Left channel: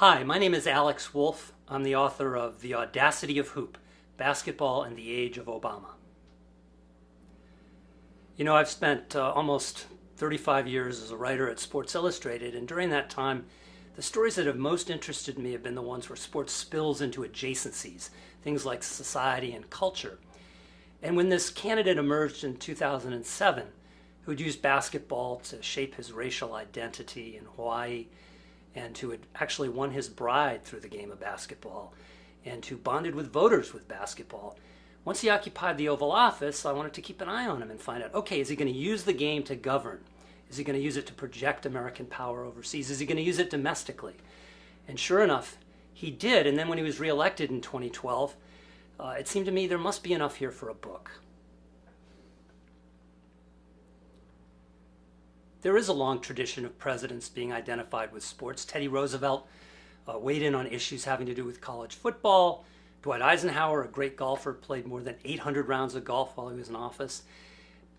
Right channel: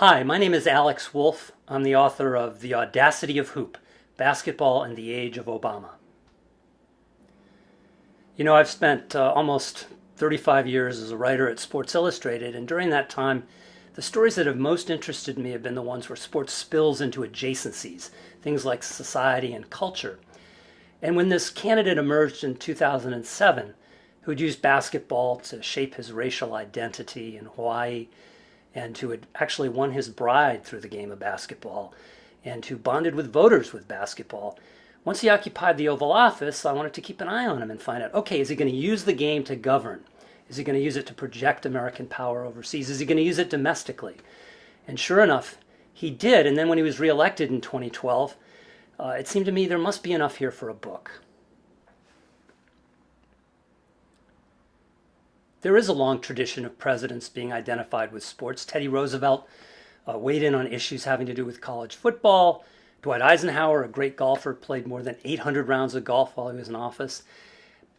Hi, my name is Alex Wolff. I'm the author of The Audacity of Hoop, Basketball in the Age of Obama. You know, I've spent almost 35 years as a writer at Sports Illustrated, and during that time, the stories that have most interested me have been the ones where sports spills into adjacencies, things like society and culture. And when this candidate emerged in 2007, who'd used basketball to shape his racial identity in Hawaii, and who had actually won his bride through the game of basketball, and who bonded with voters with basketball. Once he occupied the Oval Office, I wanted to keep an eye on him and find out, okay, is he going to use the game to govern? Is he going to use it to project American power overseas? Is he going to use it domestically? And sure enough, he did. And then when he was reelected in 2012, it seemed to me there must be enough here for a book. There is a long tradition of presidents being identified with sports. Teddy Roosevelt weighed in on issues having to do with college football. Dwight Eisenhower, a great golfer, played more than 800 rounds of golf while he was in office.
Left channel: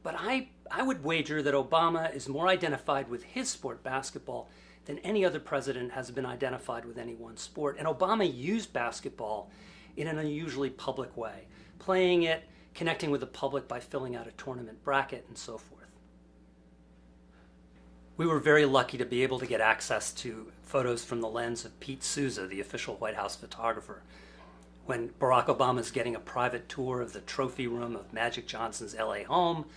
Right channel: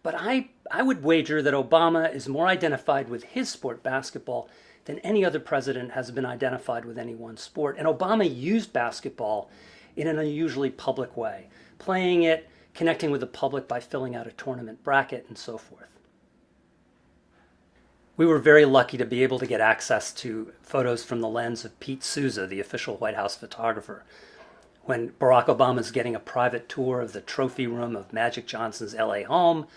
But I would wager that Obama is more identified with his sport, basketball, than any other president has been identified with any one sport. And Obama used basketball in an unusually public way, playing it, connecting with the public by filling out a tournament bracket, and so forth. We were very lucky to be able to get access to photos from the lens of Pete Souza, the official White House photographer, when Barack Obama's getting a private tour of the trophy room of Magic Johnson's LA home,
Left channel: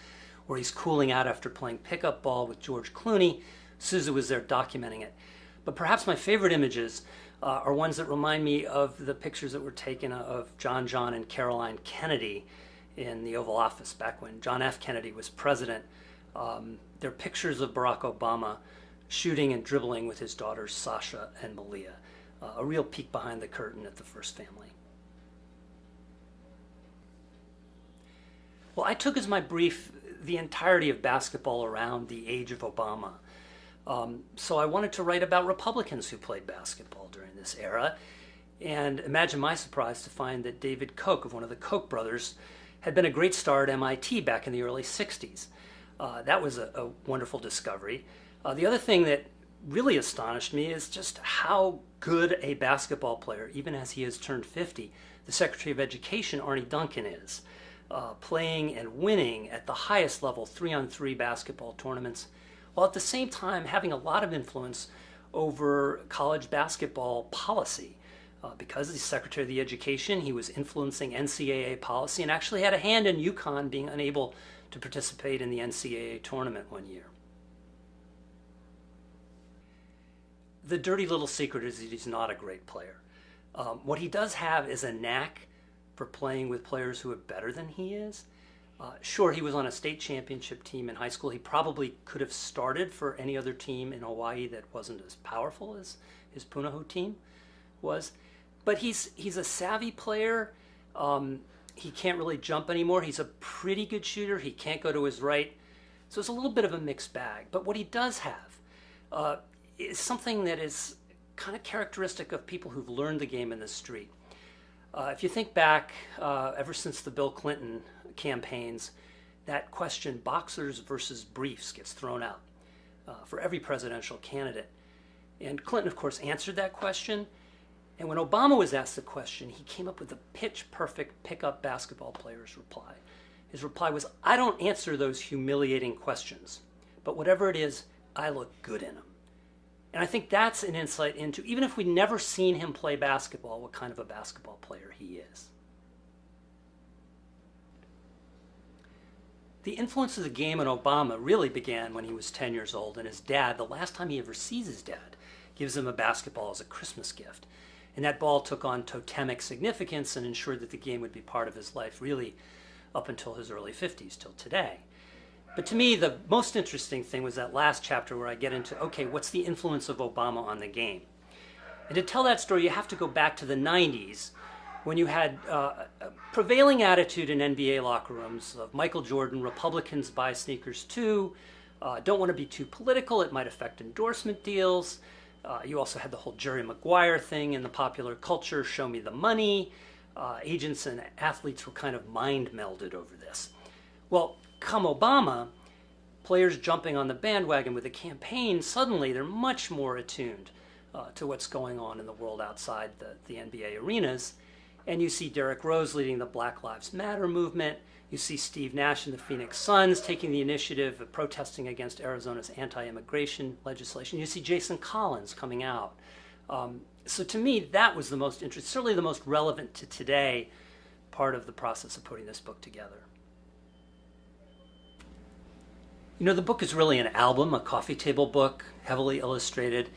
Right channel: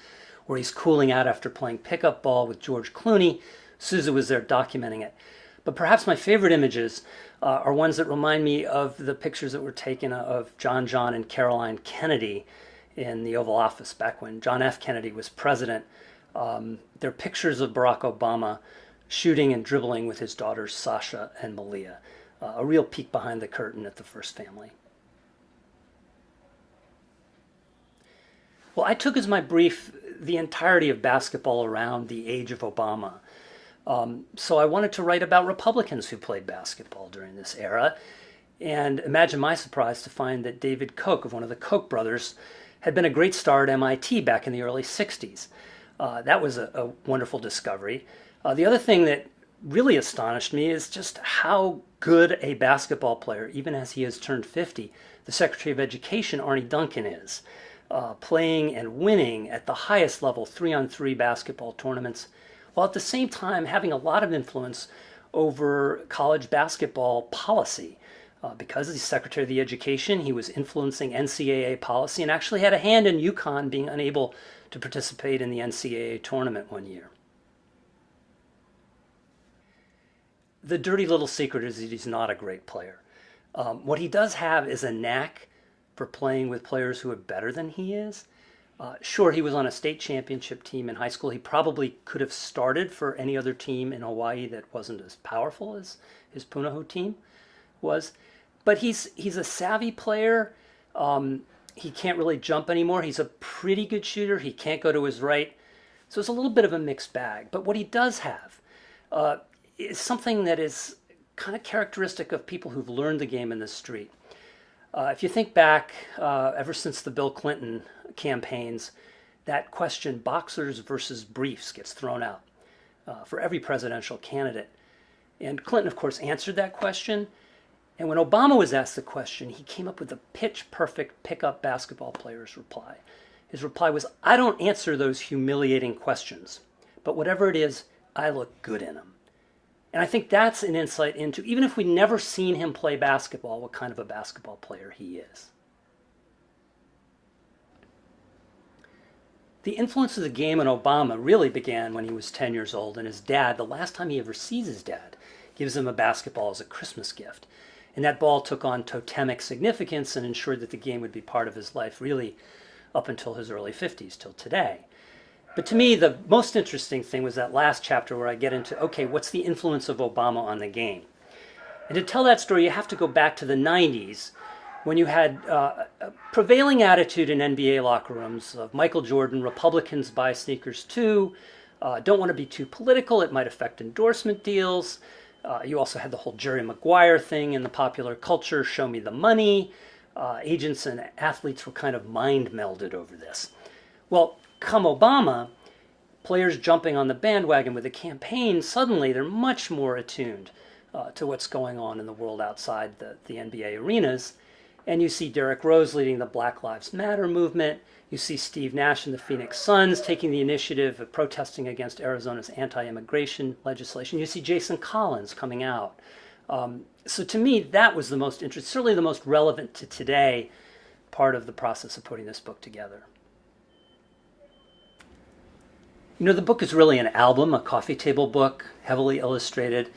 where he's cooling out after playing pickup ball with George Clooney. Souza was there documenting it. But perhaps my favorite images are ones that remind me of the pictures that were taken of John and Caroline Kennedy in the Oval Office back when John F. Kennedy was president. They're pictures of Barack Obama shooting and dribbling with his daughters Sasha and Malia. A real peek behind the curtain at the first family. Well, I took as my brief the entirety of basketball around the age of Obama. So I wanted to write about Republicans who played basketball during this era. And imagine my surprise to find that David Koch, of one of the Koch brothers, had been a great star at MIT back in the early 60s. That was a wonderful discovery. The other thing that really astonished me is just how good a basketball player, even as he has turned 50, the Secretary of Education, Arne Duncan, is. Playing and winning at the highest level 3-on-3 basketball tournaments, while at the same time having a lot of influence over college basketball policy. Because he's Secretary of the Education, he was influencing NCAA policy and actually had a hand in UConn being unable to participate in the NCAA tournament one year. The dirty little secret is that he's not a great player. What he does have is a knack for playing with players who are better than he is. Sure, he was on a state championship team in high school. He probably could have started for any other team in Hawaii that wasn't as powerful as his Punahou team was. But he's a savvy player. He can't really jump anymore. He's a pretty good shooter. He can't go to his right. So it's a little bit of a mixed bag. But what he does have is something that is kind of characteristic of people who've learned the game in the street. If you think back, ever since the Bill Clinton campaigns, that question, boxers versus briefs, gets thrown out for every presidential candidate. And Clinton, of course, answered that question. And when Obama was asked the question, he came up with a pitch-perfect pickup basketball player's reply. His reply was, I don't answer those humiliating questions, but whatever it is, I look good in them. And I think that's an insight into, even if we'd never seen him play basketball, what kind of a basketball player he is. The influence of the game on Obama really began when he was 10 years old, and his dad, the last time he ever sees his dad, gives him a basketball as a Christmas gift. And that ball took on totemic significance and ensured that the game would be part of his life really up until his early 50s, till today. But to me, the most interesting thing was that last chapter where I get into, okay, what's the influence of Obama on the game? And to tell that story, you have to go back to the 90s when you had a prevailing attitude in NBA locker rooms of Michael Jordan, Republicans buy sneakers too, don't want to be too political, it might affect endorsement deals. You also had the whole Jerry Maguire thing in the popular culture, show me the money. Agents and athletes were kind of mind melded over this. Well, come Obama, players jumping on the bandwagon with the campaign, suddenly they're much more attuned to what's going on in the world outside the NBA arenas. And you see Derrick Rose leading the Black Lives Matter movement. You see Steve Nash and the Phoenix Suns taking the initiative of protesting against Arizona's anti-immigration legislation. You see Jason Collins coming out. So to me, that was the most interesting, certainly the most relevant to today part of the process of putting this book together. You know, the book is really an album, a coffee table book, heavily illustrated,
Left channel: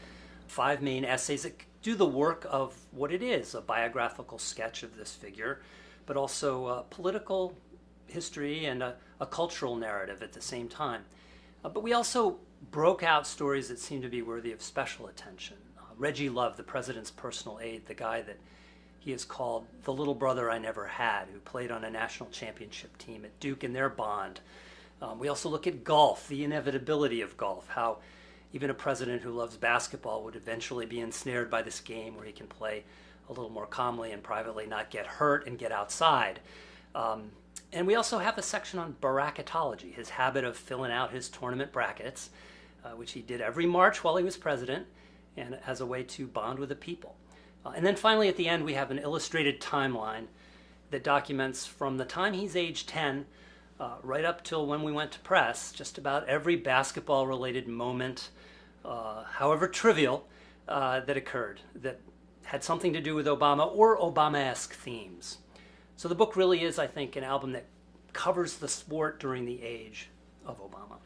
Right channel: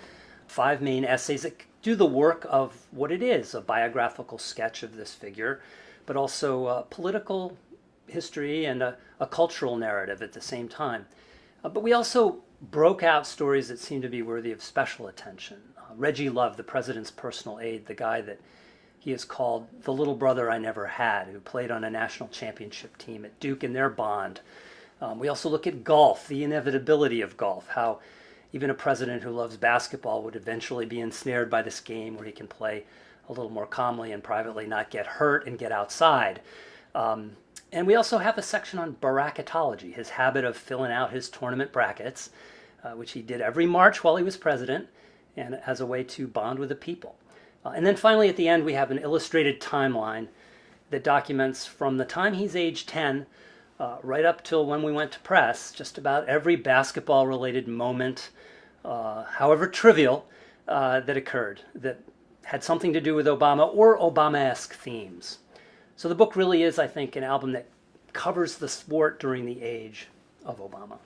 5 main essays that do the work of what it is, a biographical sketch of this figure, but also political history and a cultural narrative at the same time. But we also broke out stories that seem to be worthy of special attention. Reggie Love, the president's personal aide, the guy that he has called the little brother I never had, who played on a national championship team at Duke in their bond. We also look at golf, the inevitability of golf, how even a president who loves basketball would eventually be ensnared by this game where he can play a little more calmly and privately, not get hurt and get outside. And we also have a section on bracketology, his habit of filling out his tournament brackets, which he did every March while he was president, and as a way to bond with the people. And then finally at the end we have an illustrated timeline that documents from the time he's age 10 right up till when we went to press, just about every basketball-related moment, however trivial, that occurred, that had something to do with Obama or Obama-esque themes. So the book really is, I think, an album that covers the sport during the age of Obama.